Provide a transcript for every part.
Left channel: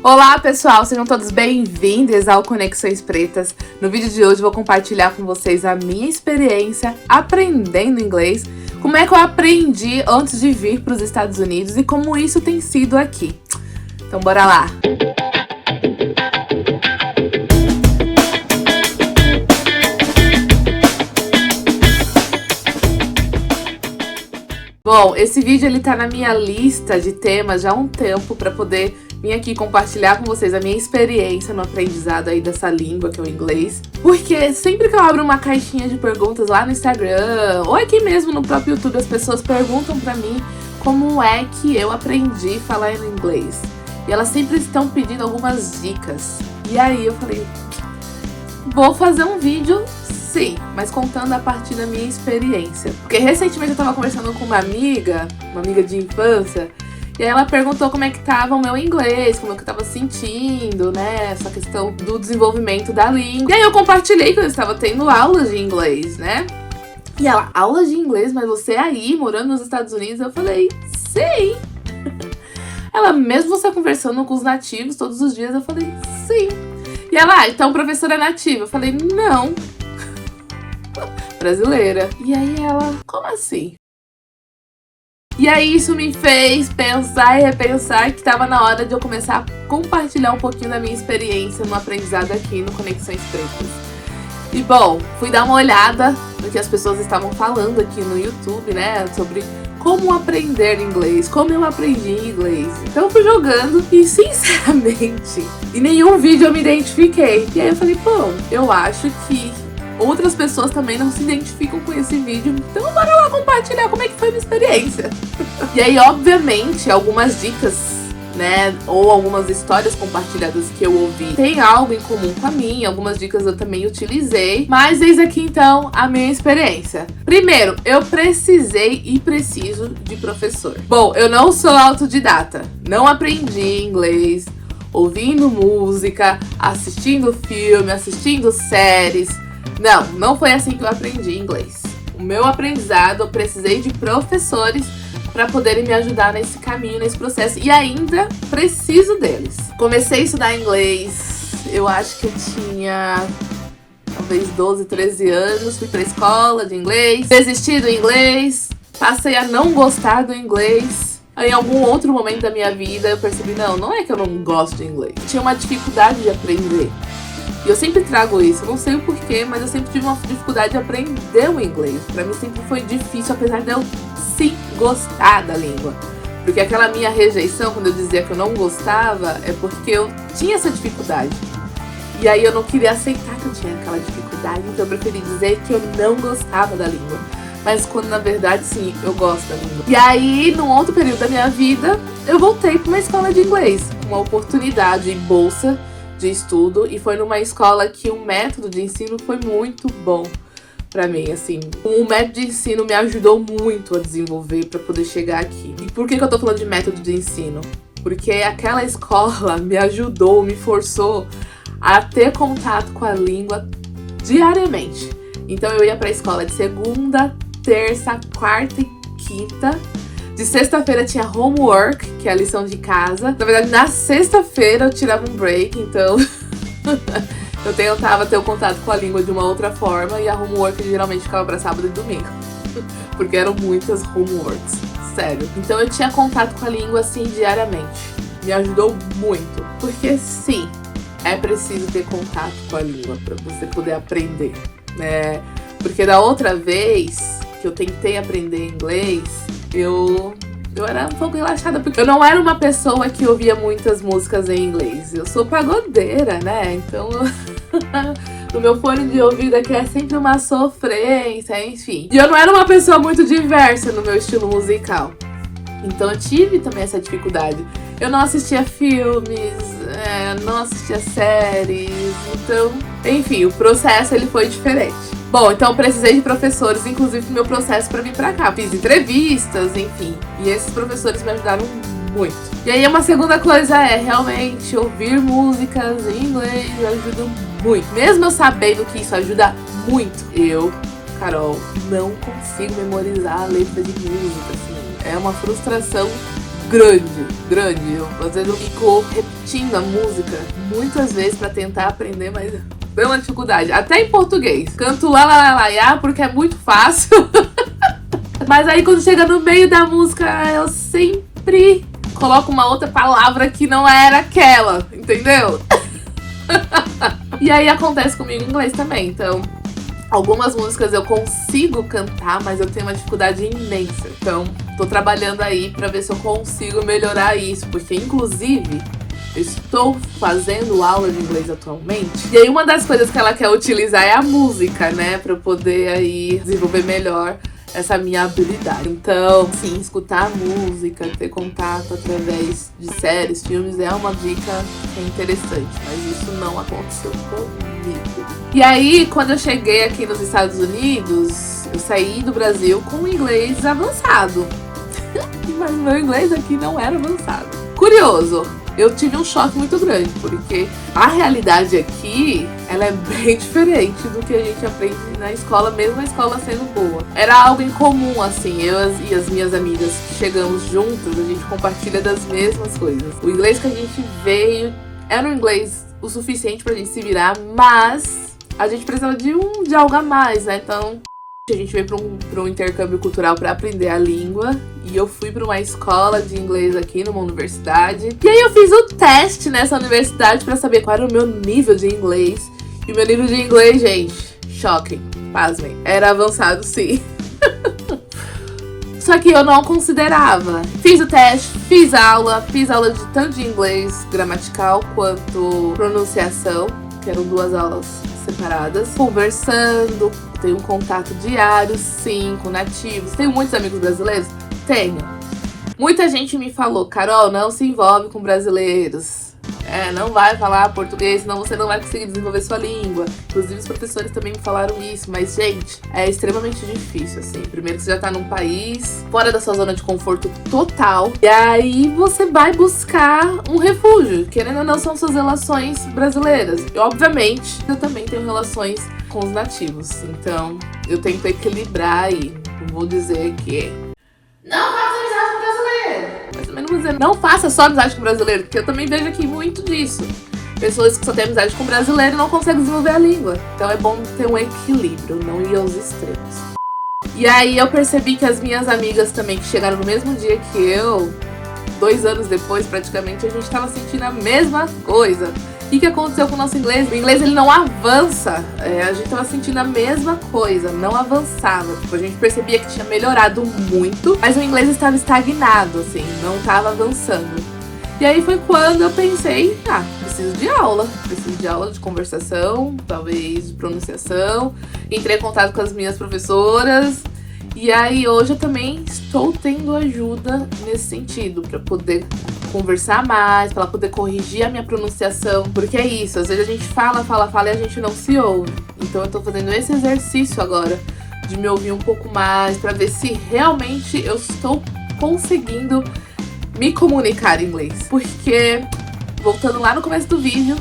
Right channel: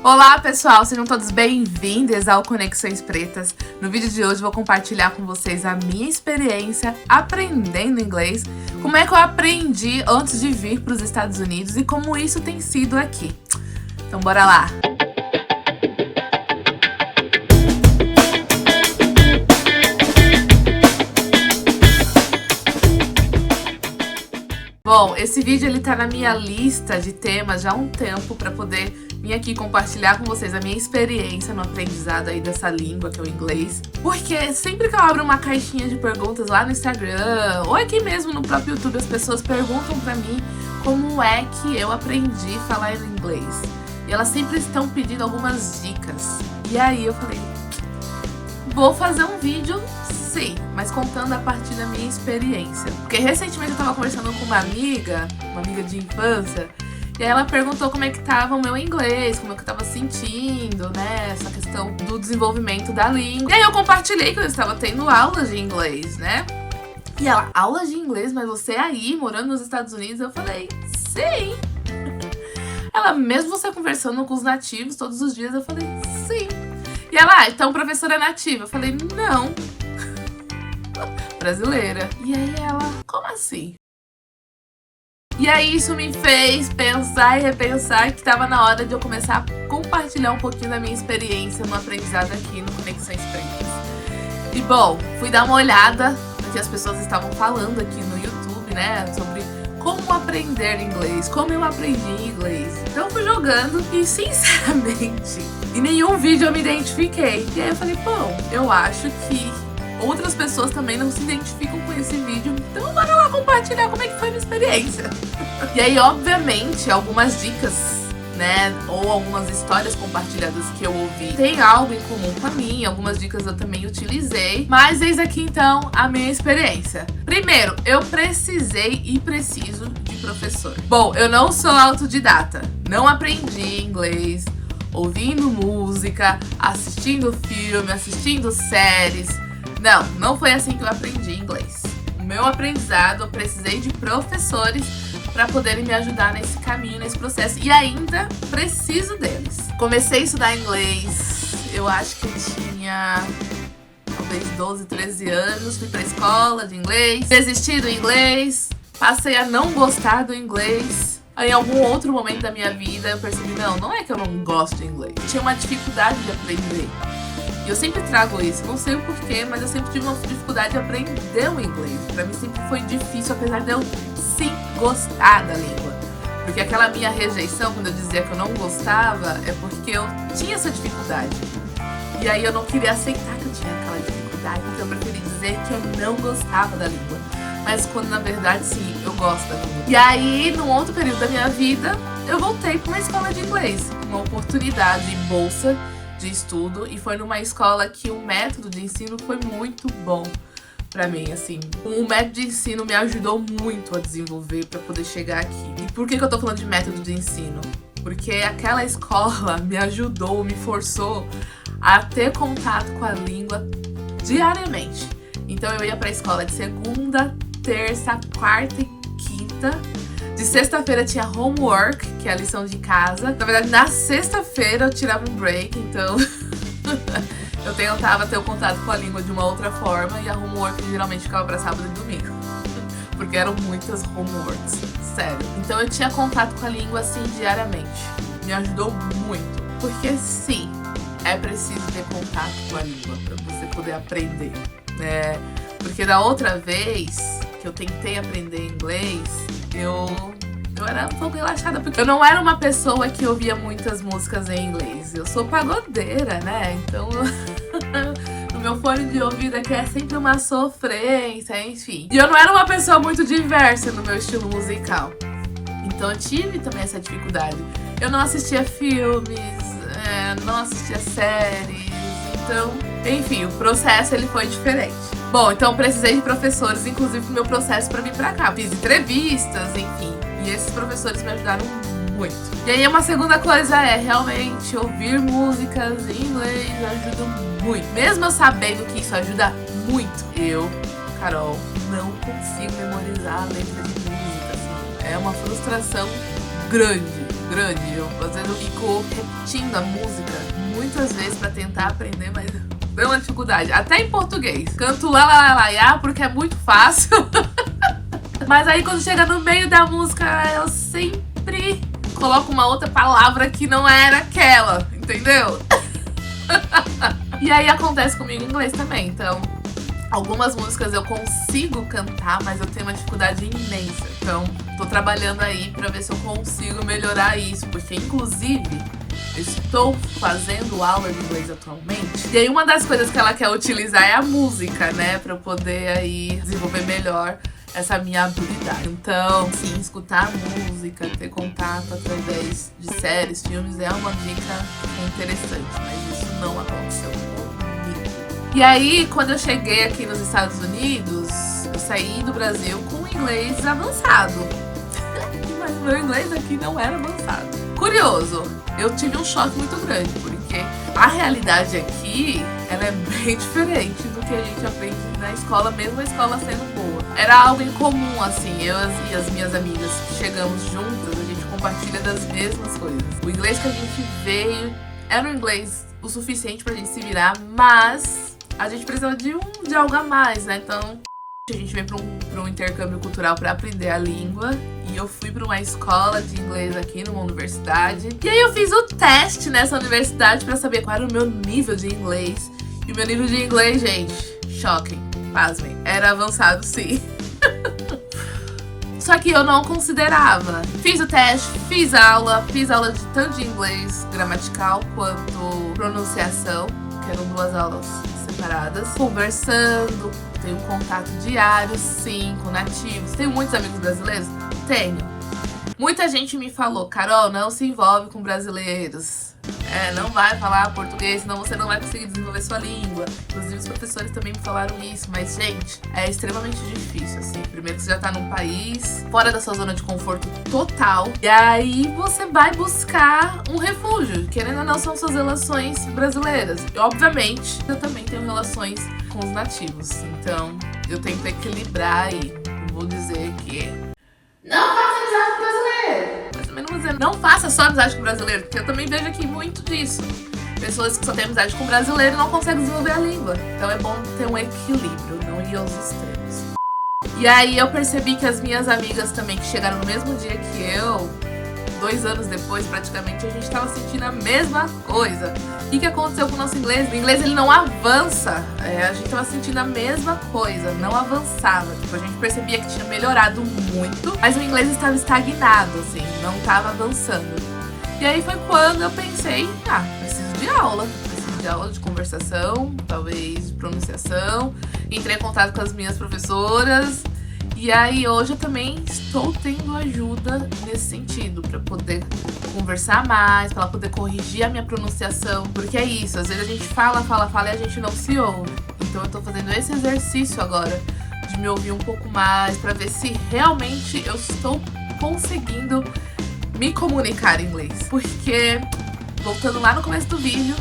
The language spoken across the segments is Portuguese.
Olá pessoal, sejam todos bem-vindos ao Conexões Pretas. No vídeo de hoje vou compartilhar com vocês a minha experiência aprendendo inglês, como é que eu aprendi antes de vir para os Estados Unidos e como isso tem sido aqui. Então bora lá! Bom, esse vídeo ele tá na minha lista de temas já há um tempo para poder vir aqui compartilhar com vocês a minha experiência no aprendizado aí dessa língua que é o inglês. Porque sempre que eu abro uma caixinha de perguntas lá no Instagram ou aqui mesmo no próprio YouTube, as pessoas perguntam pra mim como é que eu aprendi a falar em inglês. E elas sempre estão pedindo algumas dicas. E aí eu falei, vou fazer um vídeo sim, mas contando a partir da minha experiência. Porque recentemente eu tava conversando com uma amiga de infância, e aí ela perguntou como é que tava o meu inglês, como é que eu tava sentindo, né, essa questão do desenvolvimento da língua. E aí eu compartilhei que eu estava tendo aulas de inglês, né? E ela, aulas de inglês? Mas você aí, morando nos Estados Unidos? Eu falei, sim! Ela, mesmo você conversando com os nativos todos os dias? Eu falei, sim! E ela, então professora é nativa? Eu falei, não! Brasileira. E aí ela, como assim? E aí isso me fez pensar e repensar que estava na hora de eu começar a compartilhar um pouquinho da minha experiência no aprendizado aqui no Conexões Pretas. E bom, fui dar uma olhada no que as pessoas estavam falando aqui no YouTube, né, sobre como aprender inglês, como eu aprendi inglês. Então eu fui jogando e, sinceramente, em nenhum vídeo eu me identifiquei. E aí eu falei, bom, eu acho que outras pessoas também não se identificam com esse vídeo, então bora lá compartilhar como é que foi a minha experiência. E aí, obviamente, algumas dicas, né, ou algumas histórias compartilhadas que eu ouvi tem algo em comum com a minha, algumas dicas eu também utilizei, mas eis aqui então a minha experiência. Primeiro, eu precisei e preciso de professor. Bom, eu não sou autodidata, não aprendi inglês ouvindo música, assistindo filme, assistindo séries. Não foi assim que eu aprendi inglês. O meu aprendizado, eu precisei de professores para poderem me ajudar nesse caminho, nesse processo. E ainda preciso deles. Comecei a estudar inglês, eu acho que eu tinha talvez 12, 13 anos. Fui pra escola de inglês, desisti do inglês, passei a não gostar do inglês. Aí, em algum outro momento da minha vida, eu percebi, não é que eu não gosto de inglês. Tinha uma dificuldade de aprender. E eu sempre trago isso, não sei o porquê, mas eu sempre tive uma dificuldade de aprender o inglês. Pra mim sempre foi difícil, apesar de eu sim gostar da língua. Porque aquela minha rejeição, quando eu dizia que eu não gostava, é porque eu tinha essa dificuldade. E aí eu não queria aceitar que eu tinha aquela dificuldade, então eu preferi dizer que eu não gostava da língua. Mas quando na verdade sim, eu gosto da língua. E aí, num outro período da minha vida, eu voltei pra uma escola de inglês. Uma oportunidade, bolsa de estudo, e foi numa escola que o método de ensino foi muito bom pra mim, assim. O método de ensino me ajudou muito a desenvolver pra poder chegar aqui. E por que eu tô falando de método de ensino? Porque aquela escola me ajudou, me forçou a ter contato com a língua diariamente. Então eu ia pra escola de segunda, terça, quarta e quinta. De sexta-feira tinha homework, que é a lição de casa. Na verdade, na sexta-feira eu tirava um break, então eu tentava ter o contato com a língua de uma outra forma. E a homework geralmente ficava pra sábado e domingo, porque eram muitas homeworks, sério. Então eu tinha contato com a língua assim diariamente. Me ajudou muito, porque sim, é preciso ter contato com a língua pra você poder aprender, né? Porque da outra vez que eu tentei aprender inglês, eu era um pouco relaxada, porque eu não era uma pessoa que ouvia muitas músicas em inglês. Eu sou pagodeira, né? Então, no meu fone de ouvido aqui é sempre uma sofrência, enfim. E eu não era uma pessoa muito diversa no meu estilo musical. Então eu tive também essa dificuldade. Eu não assistia filmes, não assistia séries, então... Enfim, o processo ele foi diferente. Bom, então eu precisei de professores, inclusive no meu processo pra vir pra cá. Fiz entrevistas, enfim. E esses professores me ajudaram muito. E aí uma segunda coisa é realmente ouvir músicas em inglês ajuda muito. Mesmo eu sabendo que isso ajuda muito, eu, Carol, não consigo memorizar a letra de música, assim. É uma frustração grande. Eu, às vezes eu fico repetindo a música muitas vezes pra tentar aprender, mas é uma dificuldade. Até em português. Canto lá, lá, lá, lá, lá, porque é muito fácil. Mas aí quando chega no meio da música, eu sempre coloco uma outra palavra que não era aquela, entendeu? E aí acontece comigo em inglês também, então algumas músicas eu consigo cantar, mas eu tenho uma dificuldade imensa. Então tô trabalhando aí pra ver se eu consigo melhorar isso, porque inclusive eu estou fazendo aula de inglês atualmente. E aí uma das coisas que ela quer utilizar é a música, né, pra eu poder aí desenvolver melhor essa minha habilidade. Então, sim, escutar música, ter contato através de séries, filmes é uma dica interessante, mas isso não aconteceu comigo. E aí, quando eu cheguei aqui nos Estados Unidos, eu saí do Brasil com inglês avançado. Mas meu inglês aqui não era avançado. Curioso, eu tive um choque muito grande, porque a realidade aqui, ela é bem diferente do que a gente aprende na escola, mesmo a escola sendo boa. Era algo em comum, assim, eu e as minhas amigas que chegamos juntas, a gente compartilha das mesmas coisas. O inglês que a gente veio era um inglês o suficiente pra gente se virar, mas a gente precisava de algo a mais, né? Então a gente veio para um intercâmbio cultural para aprender a língua. E eu fui para uma escola de inglês aqui numa universidade. E aí eu fiz o teste nessa universidade para saber qual era o meu nível de inglês. E o meu nível de inglês, gente, shocking, pasmem, era avançado sim. Só que eu não considerava. Fiz o teste, fiz aula de tanto de inglês gramatical quanto pronunciação, que eram 2 aulas separadas, conversando, tenho um contato diário, sim, com nativos. Tenho muitos amigos brasileiros? Tenho. Muita gente me falou, Carol, não se envolve com brasileiros. Não vai falar português, senão você não vai conseguir desenvolver sua língua. Inclusive os professores também me falaram isso, mas gente, é extremamente difícil, assim. Primeiro que você já tá num país fora da sua zona de conforto total, e aí você vai buscar um refúgio. Querendo ou não, são suas relações brasileiras. E, obviamente, eu também tenho relações com os nativos, então eu tento equilibrar aí. Não vou dizer que não faça amizade com brasileiro, mas também não vou dizer não faça só amizade com brasileiro, porque eu também vejo aqui muito disso. Pessoas que só têm amizade com brasileiro não conseguem desenvolver a língua. Então é bom ter um equilíbrio, não ir aos extremos. E aí eu percebi que as minhas amigas também, que chegaram no mesmo dia que eu, 2 anos depois praticamente, a gente tava sentindo a mesma coisa. E o que aconteceu com o nosso inglês? O inglês ele não avança. A gente tava sentindo a mesma coisa, não avançava. Tipo, a gente percebia que tinha melhorado muito, mas o inglês estava estagnado, assim, não tava avançando. E aí foi quando eu pensei, preciso de aula de conversação, talvez de pronunciação. Entrei em contato com as minhas professoras. E aí hoje eu também estou tendo ajuda nesse sentido, para poder conversar mais, para poder corrigir a minha pronunciação. Porque é isso, às vezes a gente fala e a gente não se ouve. Então eu tô fazendo esse exercício agora, de me ouvir um pouco mais, para ver se realmente eu estou conseguindo me comunicar em inglês. Porque, voltando lá no começo do vídeo,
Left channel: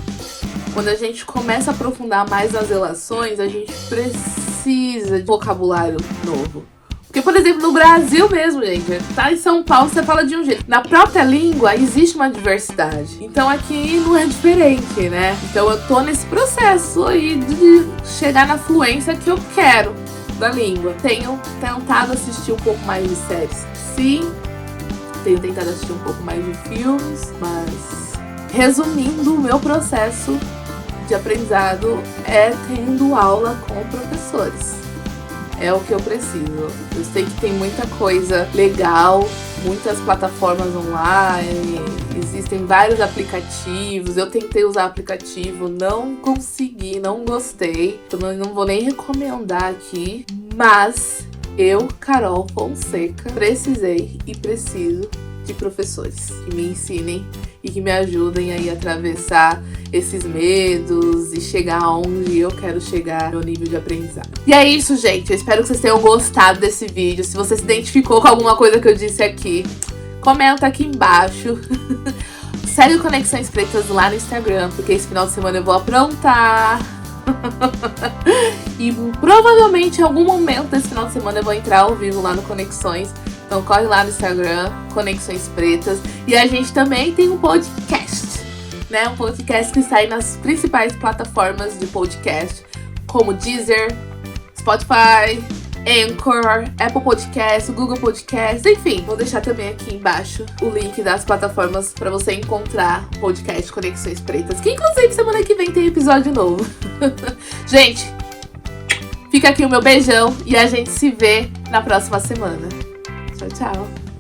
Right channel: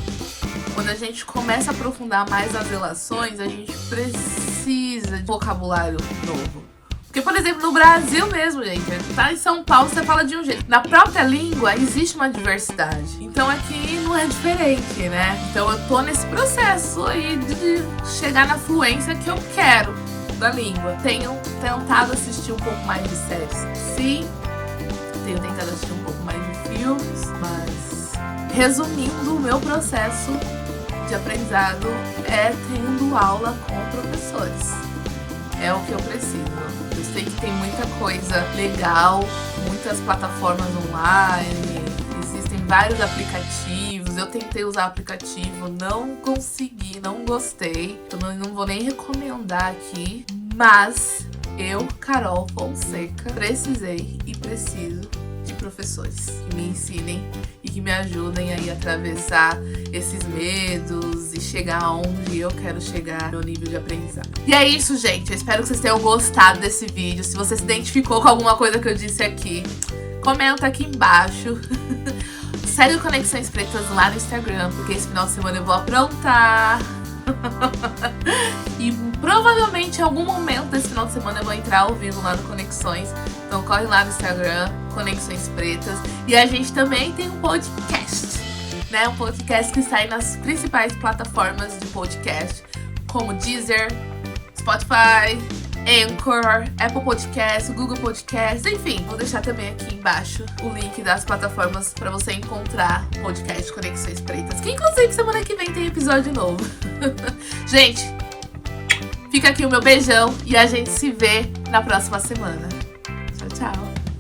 quando a gente começa a aprofundar mais nas relações, a gente precisa de vocabulário novo. Porque, por exemplo, no Brasil mesmo, gente, tá em São Paulo, você fala de um jeito. Na própria língua, existe uma diversidade. Então, aqui não é diferente, né? Então, eu tô nesse processo aí de chegar na fluência que eu quero da língua. Tenho tentado assistir um pouco mais de séries. Sim, tenho tentado assistir um pouco mais de filmes, mas resumindo, o meu processo de aprendizado é tendo aula com professores. É o que eu preciso. Eu sei que tem muita coisa legal, muitas plataformas online, existem vários aplicativos. Eu tentei usar aplicativo, não consegui, não gostei. Então não vou nem recomendar aqui, mas eu, Carol Fonseca, precisei e preciso de professores que me ensinem e que me ajudem aí a atravessar esses medos e chegar aonde eu quero chegar no nível de aprendizado. E é isso, gente. Eu espero que vocês tenham gostado desse vídeo. Se você se identificou com alguma coisa que eu disse aqui, comenta aqui embaixo. Segue o Conexões Pretas lá no Instagram, porque esse final de semana eu vou aprontar. E provavelmente em algum momento desse final de semana eu vou entrar ao vivo lá no Conexões Então corre lá no Instagram, Conexões Pretas. E a gente também tem um podcast, né? Um podcast que sai nas principais plataformas de podcast, como Deezer, Spotify, Anchor, Apple Podcast, Google Podcast, enfim. Vou deixar também aqui embaixo o link das plataformas para você encontrar o podcast Conexões Pretas, que inclusive semana que vem tem episódio novo. Gente, fica aqui o meu beijão e a gente se vê na próxima semana. Tchau, tchau.